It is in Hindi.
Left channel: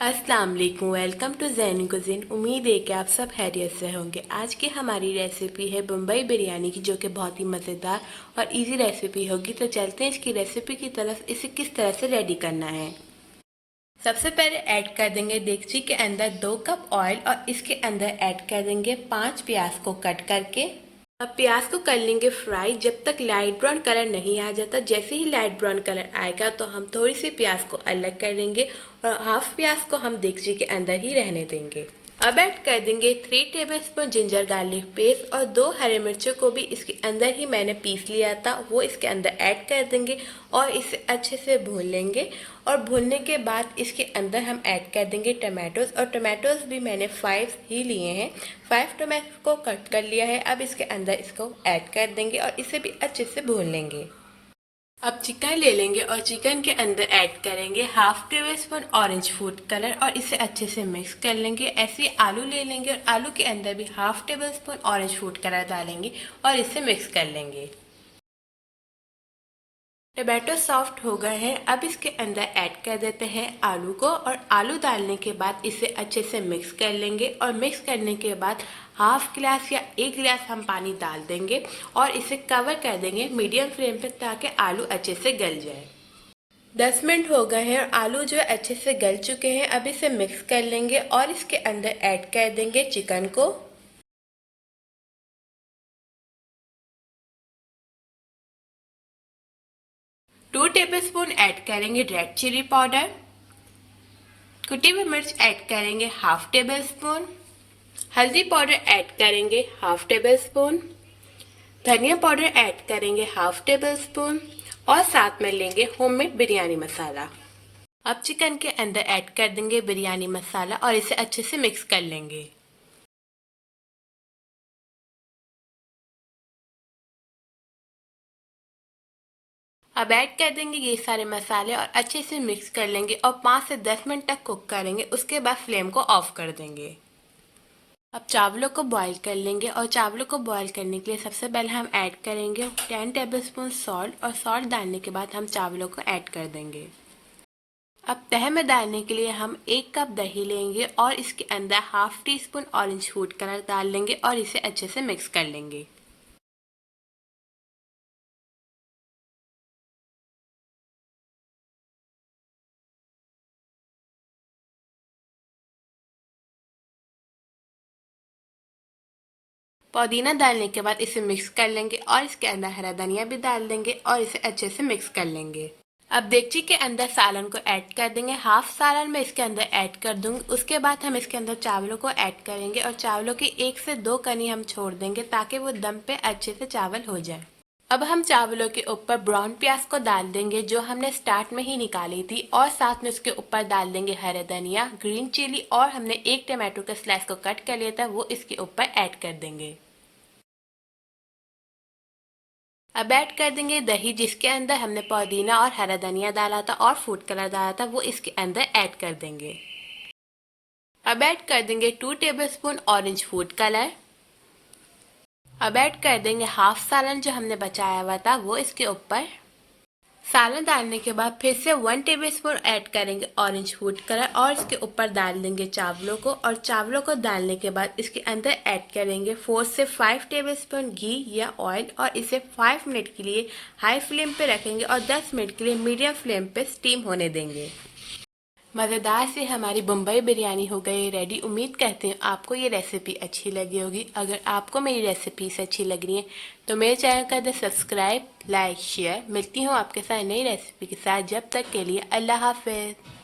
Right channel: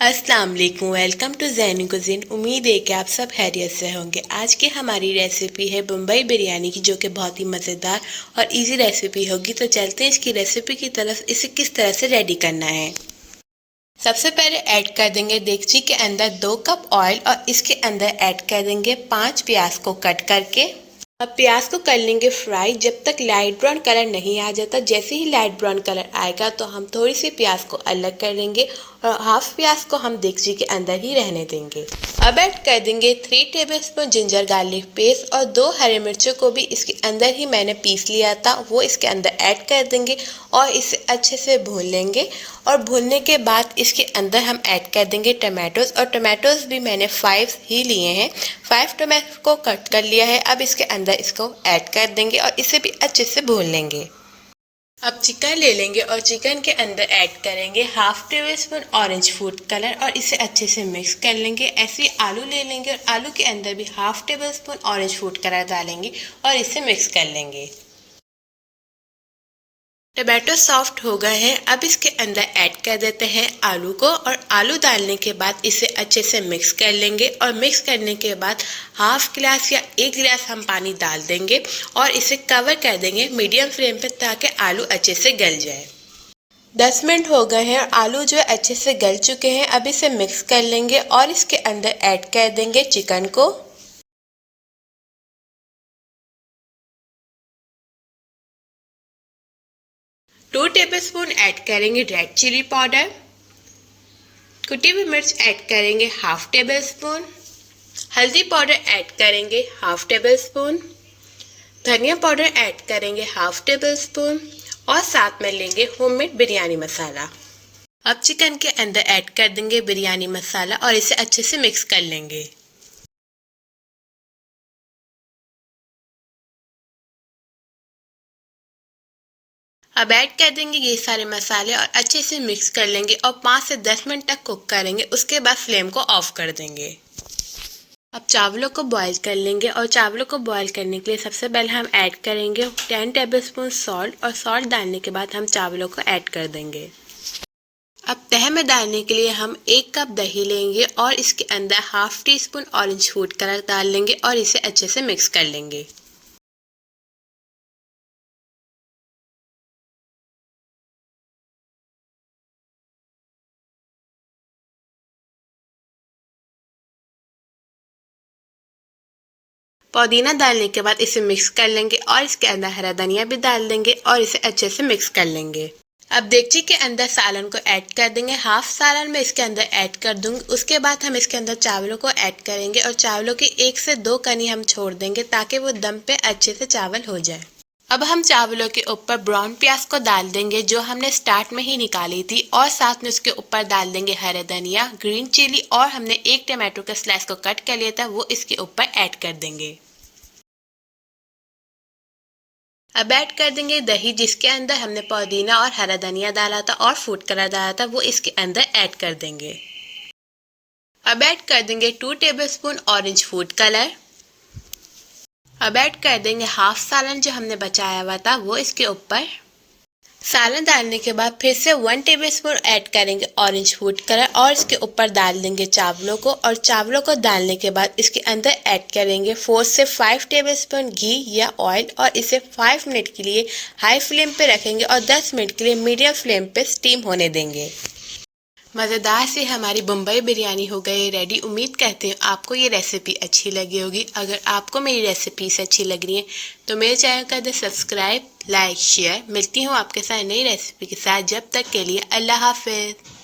अस्सलाम वालेकुम, वेलकम टू ज़ैनी कुज़ीन। उम्मीद है कि आप सब खैरियत से होंगे। आज की हमारी रेसिपी है बम्बई बिरयानी की, जो कि बहुत ही मज़ेदार और इजी रेसिपी होगी। तो चलते हैं इसकी रेसिपी की तरफ। इसे किस तरह से रेडी करना है। सबसे पहले ऐड कर देंगे देगची के अंदर 2 कप ऑयल और इसके अंदर ऐड कर देंगे 5 प्याज को कट करके। अब प्याज को कर लेंगे फ्राई जब तक लाइट ब्राउन कलर नहीं आ जाता। जैसे ही लाइट ब्राउन कलर आएगा तो हम थोड़ी सी प्याज को अलग कर लेंगे और हाफ प्याज को हम देगची के अंदर ही रहने देंगे। अब ऐड कर देंगे 3 टेबलस्पून जिंजर गार्लिक पेस्ट और 2 हरे मिर्चों को भी इसके अंदर ही मैंने पीस लिया था, वो इसके अंदर ऐड कर देंगे और इसे अच्छे से भून लेंगे। और भूनने के बाद इसके अंदर हम ऐड कर देंगे टमाटोज, और टमाटोज भी मैंने 5 ही लिए हैं। 5 टमाटो को कट कर लिया है। अब इसके अंदर इसको ऐड कर देंगे और इसे भी अच्छे से भून लेंगे। अब चिकन ले लेंगे और चिकन के अंदर ऐड करेंगे half tablespoon orange food colour और इसे अच्छे से मिक्स कर लेंगे। ऐसे ही आलू ले लेंगे और आलू के अंदर भी half tablespoon orange food colour डालेंगे और इसे मिक्स कर लेंगे। टमाटो सॉफ्ट हो गए हैं। अब इसके अंदर ऐड कर देते हैं आलू को और आलू डालने के बाद इसे अच्छे से मिक्स कर लेंगे। और मिक्स करने के बाद हाफ गिलास या 1 गिलास हम पानी डाल देंगे और इसे कवर कर देंगे मीडियम फ्लेम पे, ताकि आलू अच्छे से गल जाए। 10 मिनट हो गए हैं और आलू जो है अच्छे से गल चुके हैं। अब इसे मिक्स कर लेंगे और इसके अंदर ऐड कर देंगे चिकन को। 2 टेबलस्पून ऐड करेंगे रेड चिली पाउडर। कुटी हुई मिर्च ऐड करेंगे हाफ टेबल स्पून। हल्दी पाउडर ऐड करेंगे हाफ टेबल स्पून। धनिया पाउडर ऐड करेंगे हाफ टेबल स्पून और साथ में लेंगे होममेड बिरयानी मसाला। अब चिकन के अंदर ऐड कर देंगे बिरयानी मसाला और इसे अच्छे से मिक्स कर लेंगे। अब ऐड कर देंगे ये सारे मसाले और अच्छे से मिक्स कर लेंगे और 5 से 10 मिनट तक कुक करेंगे। उसके बाद फ्लेम को ऑफ कर देंगे। अब चावलों को बॉईल कर लेंगे और चावलों को बॉईल करने के लिए सबसे पहले हम ऐड करेंगे 10 टेबलस्पून सॉल्ट और सॉल्ट डालने के बाद हम चावलों को ऐड कर देंगे। अब तह में डालने के लिए हम 1 कप दही लेंगे और इसके अंदर half tea spoon orange food colour डाल लेंगे और इसे अच्छे से मिक्स कर लेंगे। पुदीना डालने के बाद इसे मिक्स कर लेंगे और इसके अंदर हरा धनिया भी डाल देंगे और इसे अच्छे से मिक्स कर लेंगे। अब देगची के अंदर सालन को ऐड कर देंगे। हाफ सालन में इसके अंदर ऐड कर दूंगी। उसके बाद हम इसके अंदर चावलों को ऐड करेंगे और चावलों की 1 से 2 कनी हम छोड़ देंगे, ताकि वो दम पे अच्छे से चावल हो जाए। अब हम चावलों के ऊपर ब्राउन प्याज को डाल देंगे, जो हमने स्टार्ट में ही निकाली थी, और साथ में उसके ऊपर डाल देंगे हरा धनिया, ग्रीन चिली और हमने 1 टमाटो का स्लाइस को कट कर लिया था, वो इसके ऊपर ऐड कर देंगे। अब ऐड कर देंगे दही, जिसके अंदर हमने पुदीना और हरा धनिया डाला था और फूड कलर डाला था, वो इसके अंदर ऐड कर देंगे। अब ऐड कर देंगे 2 टेबलस्पून ऑरेंज फूड कलर। अब ऐड कर देंगे हाफ सालन जो हमने बचाया हुआ था, वो इसके ऊपर। सालन डालने के बाद फिर से 1 टेबलस्पून ऐड करेंगे ऑरेंज फूड कलर और इसके ऊपर डाल देंगे चावलों को। और चावलों को डालने के बाद इसके अंदर ऐड करेंगे 4 से 5 टेबलस्पून घी या ऑयल और इसे 5 मिनट के लिए हाई फ्लेम पे रखेंगे और 10 मिनट के लिए मीडियम फ्लेम पे स्टीम होने देंगे। मज़ेदार से हमारी बम्बई बिरयानी हो गई रेडी। उम्मीद करते हैं आपको ये रेसिपी अच्छी लगी होगी। अगर आपको मेरी रेसिपीज अच्छी लग रही हैं तो मेरे चैनल कर दें सब्सक्राइब, लाइक, शेयर। मिलती हूँ आपके साथ नई रेसिपी के साथ। जब तक के लिए अल्लाह हाफ़िज़।